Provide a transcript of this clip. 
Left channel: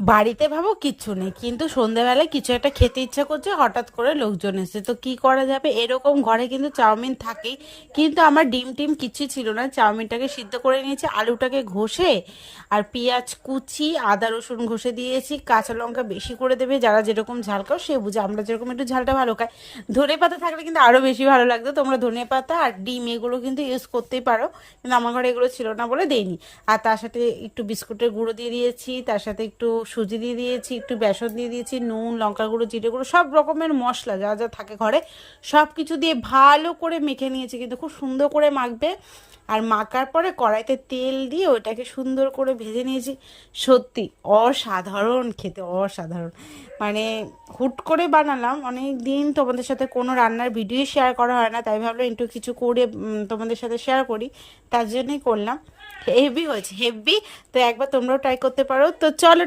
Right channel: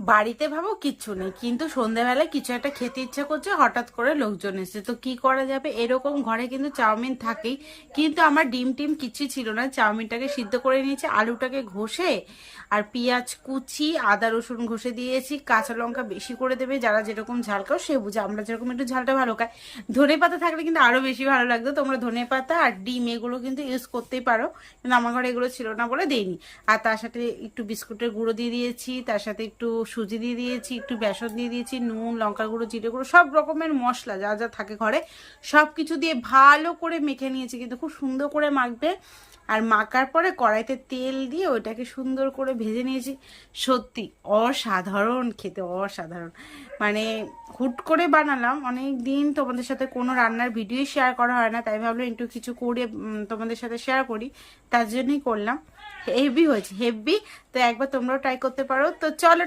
বাড়িতে ভাবো কিচ্ছু নেই, কিন্তু সন্ধেবেলায় কিছু একটা খেতে ইচ্ছা করছে, হঠাৎ করে লোকজন এসে, তো কি করা যাবে, এরকম ঘরে কিন্তু চাউমিন থাকেই। কিন্তু আমার ডিম টিম কিচ্ছু ছিল না, চাউমিনটাকে সিদ্ধ করে নিয়েছি, আলুটাকে ঘষে আর পেঁয়াজ কুচি আদা রসুন ঘষে দিয়েছি, কাঁচা লঙ্কা বেশি করে দেবে, যারা যেরকম ঝাল খাও সে বুঝে, আমরা যেরকম একটু ঝালটা ভালো খাই। ধনে পাতা থাকলে কিন্তু আরো বেশি ভালো লাগতো, তোমরা ধনে পাতা আর ডিম এগুলো কিন্তু ইউজ করতেই পারো, কিন্তু আমার ঘরে এগুলো ছিল না বলে দেইনি। আর তার সাথে একটু বিস্কুটের গুঁড়ো দিয়ে দিয়েছি, তার সাথে একটু সুজি দিয়ে দিয়েছি, একটু বেসন দিয়ে দিয়েছি, নুন লঙ্কার গুঁড়ো জিরে গুঁড়ো সব রকমের মশলা যা যা থাকে ঘরে সব কিছু দিয়ে ভালো করে মেখে নিয়েছি, কিন্তু খুব সুন্দর করে মাখবে। আর মাখার পরে কড়াইতে তেল দিয়ে ওইটাকে সুন্দর করে ভেজে নিয়েছি। সত্যি অসাধারণ খেতে, অসাধারণ। মানে হুট করে বানালাম, অনেক দিন তোমাদের সাথে কোনো রান্নার ভিডিও শেয়ার করা হয় না, তাই ভাবলাম একটু কিছু করে তোমাদের সাথে শেয়ার করি, তার জন্যই করলাম। হেভি হয়েছে, হেভি। তো একবার তোমরাও ট্রাই করতে পারো, তো চলো।